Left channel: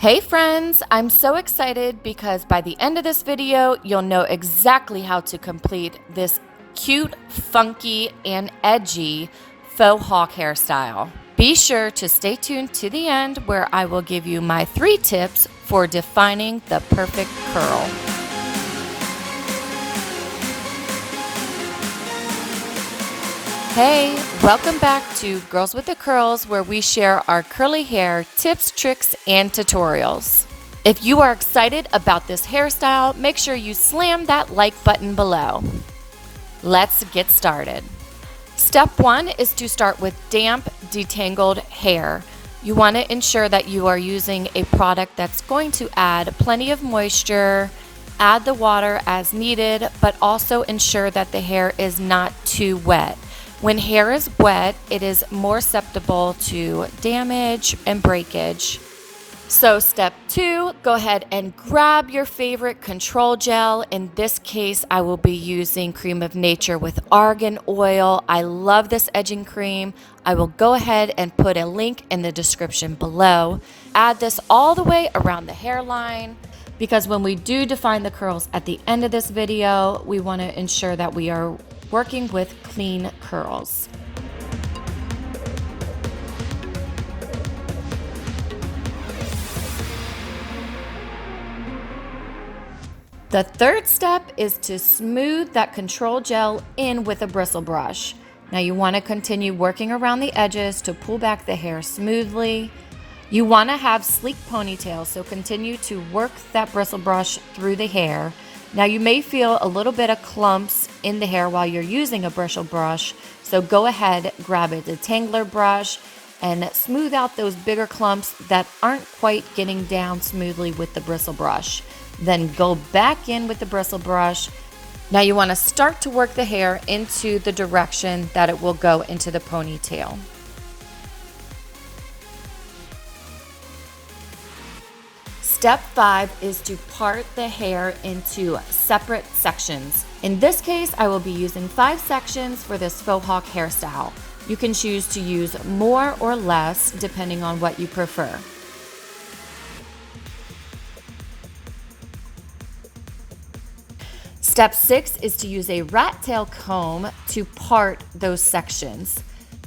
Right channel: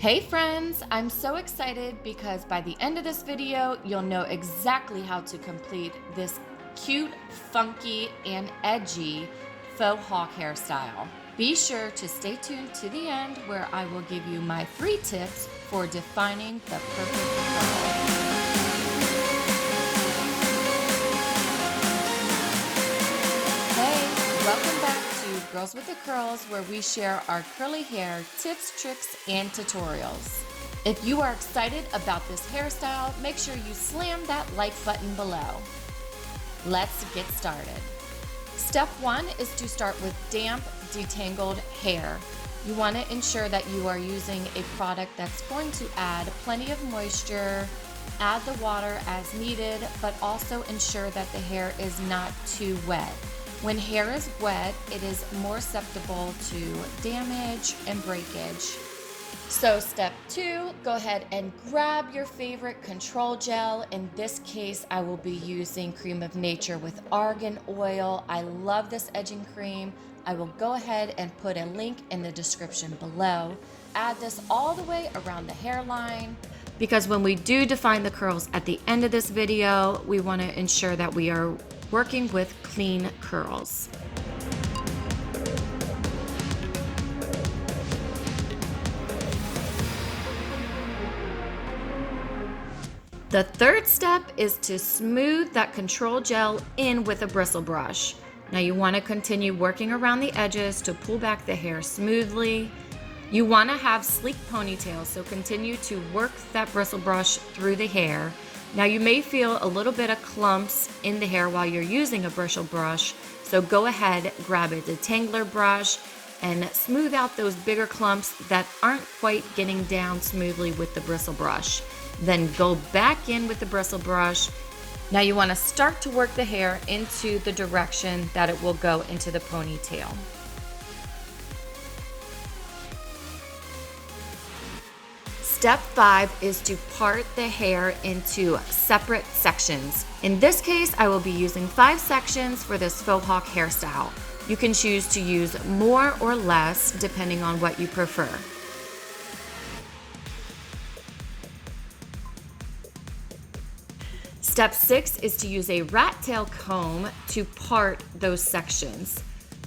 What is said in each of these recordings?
Hey friends, I'm so excited because by the end of this video, you'll know exactly how to complete this cute, funky, and edgy faux hawk hairstyle. Be sure to stay tuned to the end where I will give you my 3 tips for defining the perfect curl. Hey, welcome back to Girls with the Curls, where we share our curly hair tips, tricks, and tutorials. If you are excited about this hairstyle, make sure you slam that like button below. Let's get started. Step 1 is to start with damp, detangled hair. You want to ensure that you are using a product that's going to add plenty of moisture, add the water as needed, but also ensure that the hair is not too wet. When hair is wet, it is more susceptible to damage and breakage. So step 2, go ahead and grab your favorite control gel. In this case, I will be using Cream of Nature with Argan oil. I love this edging cream. I will go ahead and put a link in the description below. Add this all the way around the hairline, because when we do define the curls at the end of this video, we want to ensure that we are working with clean curls. The third step is to smooth that control gel in with a bristle brush. Now you want to continue working around the edges to pull back the hair smoothly. You want to have sleek ponytails, so continue to work that bristle brush through the hair. Now you may feel a little bit of clumps in the hair while you're using a bristle brush, so go ahead, grab a Detangler brush and smooth out those bigger clumps that aren't quite getting down smoothly with the bristle brush. Then go back in with the bristle brush. Now you want to start to work the hair into the direction that it will go into the ponytail. Step 5 is to part the hair into separate sections. In this case, I will be using 5 sections for this faux hawk hairstyle. You can choose to use more or less depending on what you prefer. Step 6 is to use a rat tail comb to part those sections.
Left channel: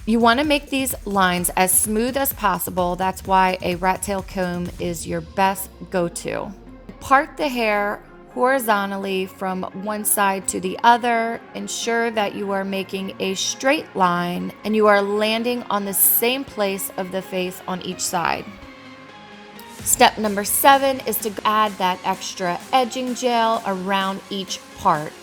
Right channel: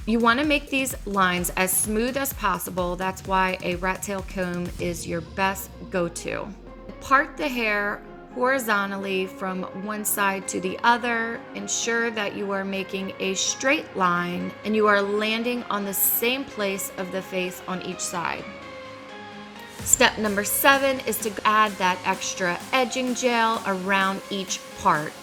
You want to make these lines as smooth as possible. That's why a rat tail comb is your best go-to. Part the hair horizontally from one side to the other. Ensure that you are making a straight line and you are landing on the same place of the face on each side. Step number 7 is to add that extra edging gel around each part.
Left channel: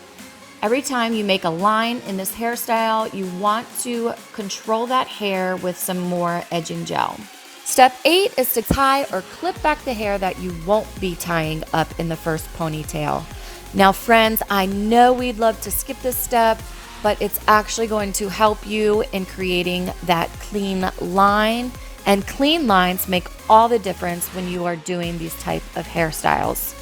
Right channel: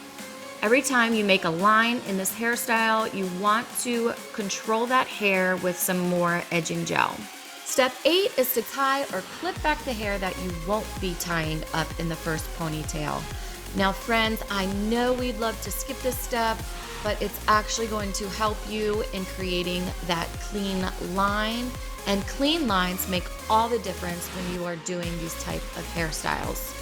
Every time you make a line in this hairstyle, you want to control that hair with some more edging gel. Step 8 is to tie or clip back the hair that you won't be tying up in the first ponytail. Now friends, I know we'd love to skip this step, but it's actually going to help you in creating that clean line. And clean lines make all the difference when you are doing these type of hairstyles.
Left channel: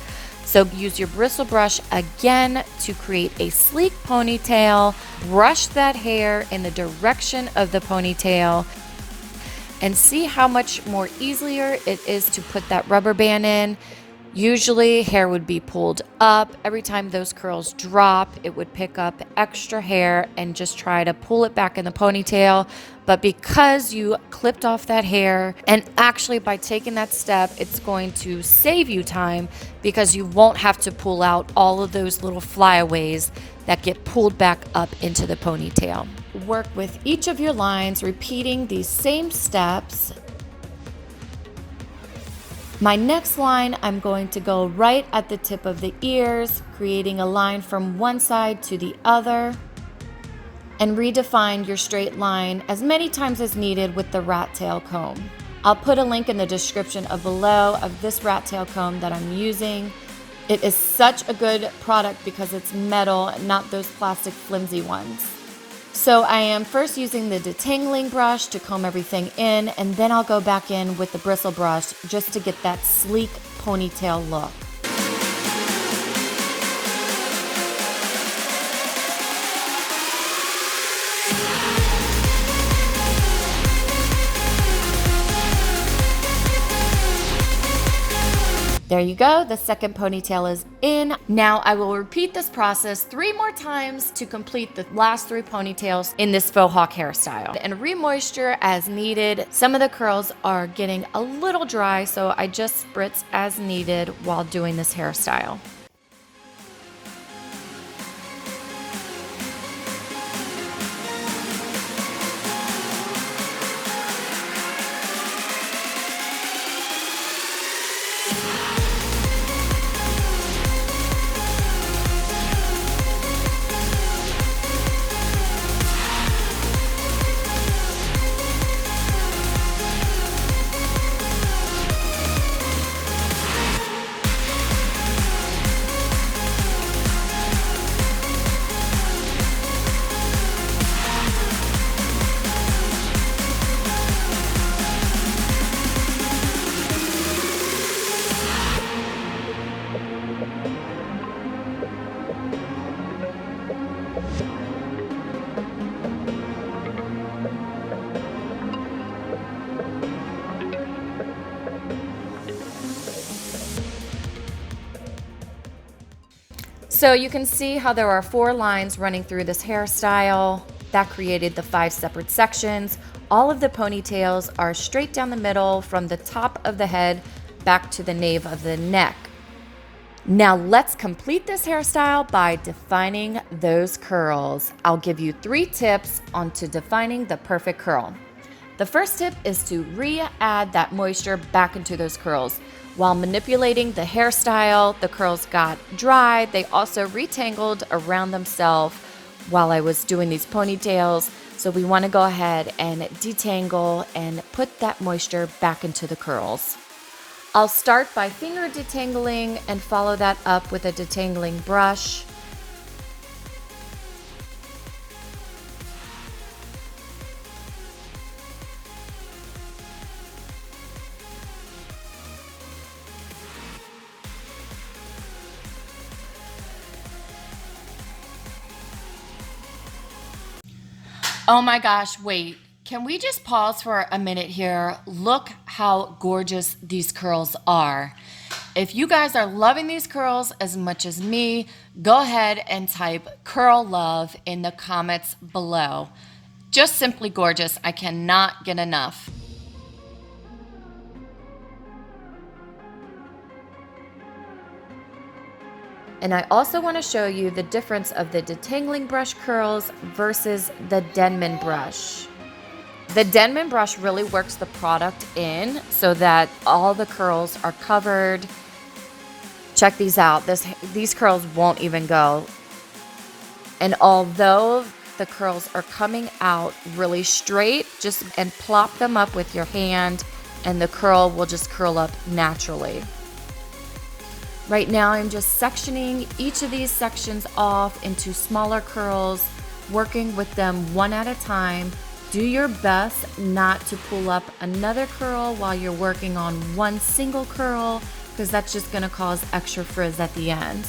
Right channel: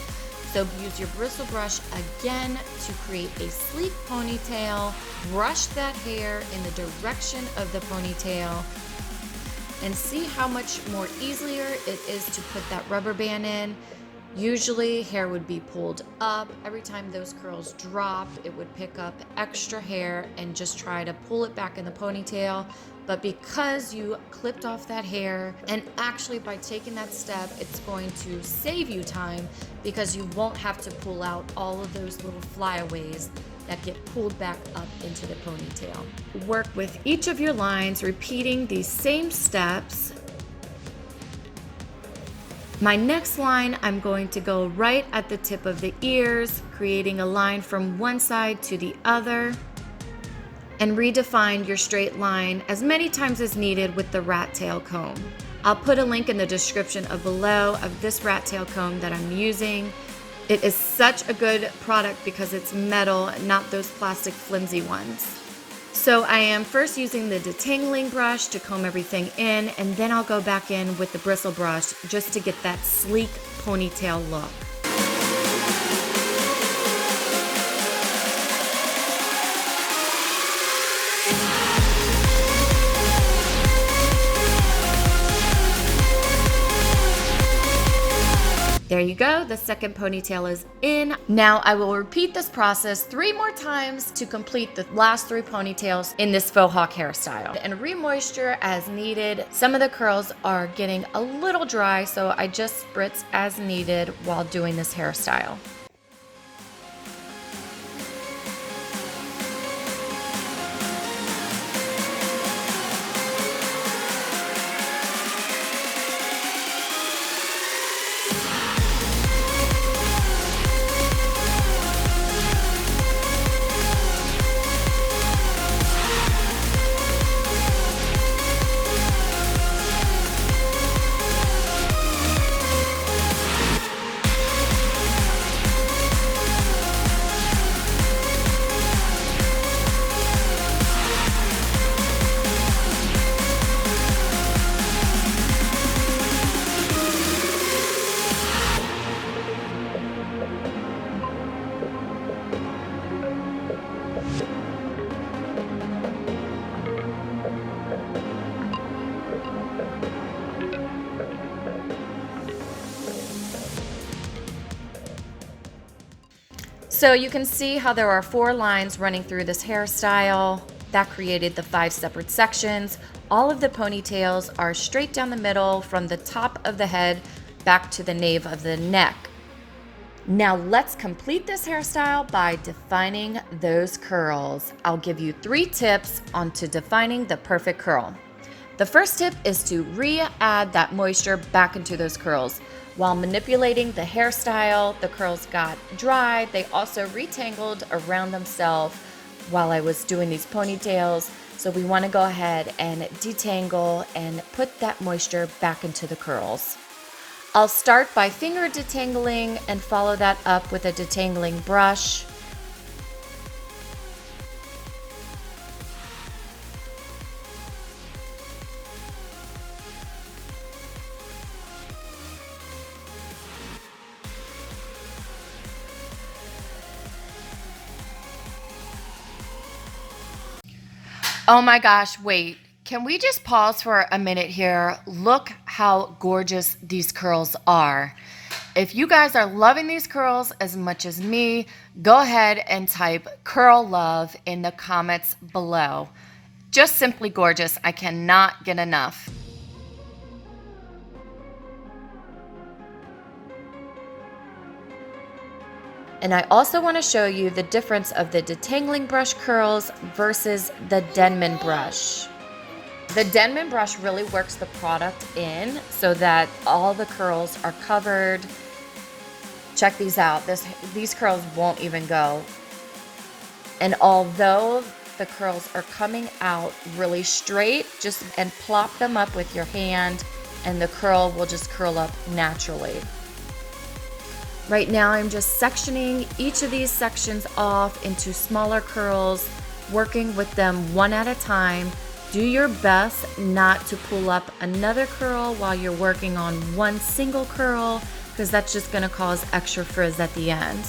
So use your bristle brush again to create a sleek ponytail. Brush that hair in the direction of the ponytail and see how much more easier it is to put that rubber band in. Usually hair would be pulled up. Every time those curls drop, it would pick up extra hair and just try to pull it back in the ponytail. But because you clipped off that hair, and actually by taking that step, it's going to save you time because you won't have to pull out all of those little flyaways that get pulled back up into the ponytail. Work with each of your lines, repeating these same steps. My next line, I'm going to go right at the tip of the ears, creating a line from one side to the other, and redefine your straight line as many times as needed with the rat tail comb. I'll put a link in the description below of this rat tail comb that I'm using. It is such a good product because it's metal, not those plastic flimsy ones. So I am first using the Detangling Brush to comb everything in, and then I'll go back in with the Bristle Brush just to get that sleek ponytail look. There you go, the second ponytail is in. Now I will repeat this process 3 more times to complete the last 3 ponytails in this faux hawk hairstyle. And re-moisture as needed. Some of the curls are getting a little dry, so I just spritz as needed while doing this hairstyle. So you can see how there are 4 lines running through this hairstyle. That created the 5 separate sections. All of the ponytails are straight down the middle from the top of the head back to the nape of the neck. Now let's complete this hairstyle by defining those curls. I'll give you 3 tips onto defining the perfect curl. The first tip is to re-add that moisture back into those curls. While manipulating the hairstyle, the curls got dry. They also retangled around themselves while I was doing these ponytails. So we want to go ahead and detangle and put that moisture back into the curls. I'll start by finger detangling and follow that up with a detangling brush. Oh my gosh, wait. Can we just pause for a minute here? Look how gorgeous these curls are. If you guys are loving these curls as much as me, go ahead and type curl love in the comments below. Just simply gorgeous. I cannot get enough. And I also want to show you the difference of the Detangling Brush curls versus the Denman Brush. The Denman Brush really works the product in so that all the curls are covered. Check these out. These curls won't even go. And although the curls are coming out really straight, and plop them up with your hand and the curl will just curl up naturally. Right now I'm just sectioning each of these sections off into smaller curls, working with them one at a time. Do your best not to pull up another curl while you're working on one single curl, because that's just going to cause extra frizz at the end.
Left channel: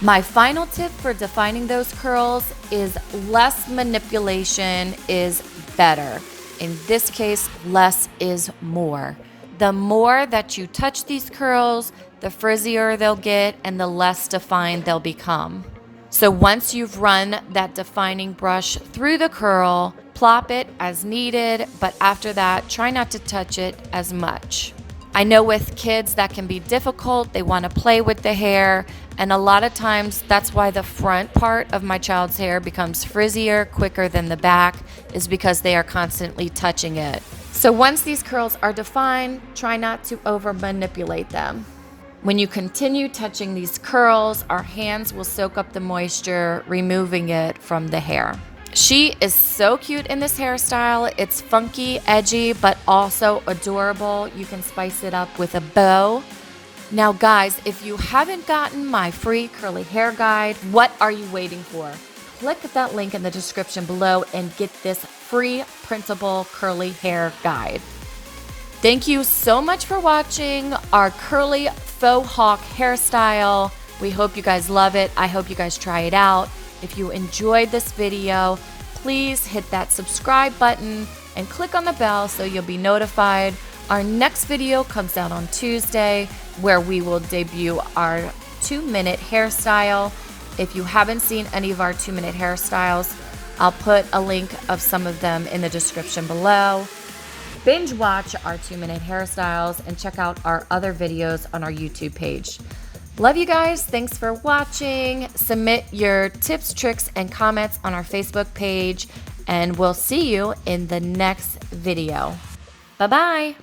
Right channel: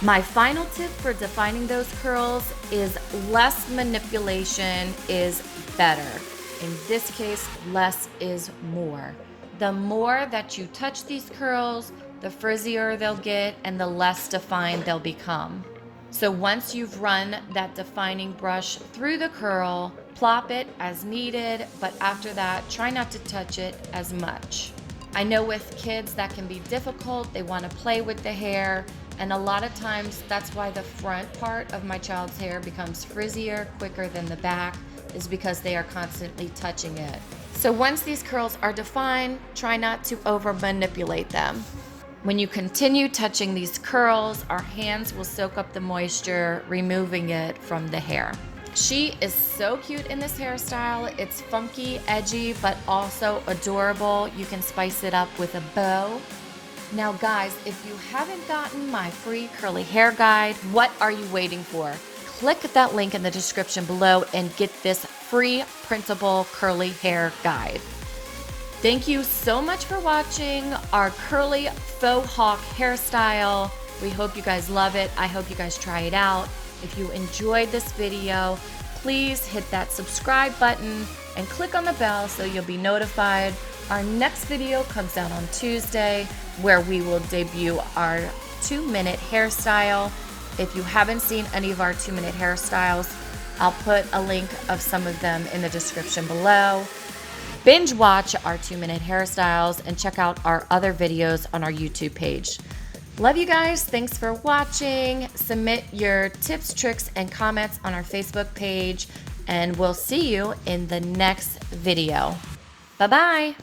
My final tip for defining those curls is less manipulation is better. In this case, less is more. The more that you touch these curls, the frizzier they'll get and the less defined they'll become. So once you've run that defining brush through the curl, plop it as needed, but after that, try not to touch it as much. I know with kids that can be difficult. They want to play with the hair, and a lot of times that's why the front part of my child's hair becomes frizzier quicker than the back, is because they are constantly touching it. So once these curls are defined, try not to over manipulate them. When you continue touching these curls, our hands will soak up the moisture, removing it from the hair. She is so cute in this hairstyle. It's funky, edgy, but also adorable. You can spice it up with a bow. Now guys, if you haven't gotten my free curly hair guide, what are you waiting for? Click that link in the description below and get this free printable curly hair guide. Thank you so much for watching our curly faux hawk hairstyle. We hope you guys love it. I hope you guys try it out. If you enjoyed this video, please hit that subscribe button and click on the bell so you'll be notified Our next video comes out on Tuesday, where we will debut our 2-minute hairstyle. If you haven't seen any of our 2-minute hairstyles, I'll put a link of some of them in the description below. Binge watch our 2-minute hairstyles and check out our other videos on our YouTube page. Love you guys. Thanks for watching. Submit your tips, tricks, and comments on our Facebook page, and we'll see you in the next video. Bye-bye.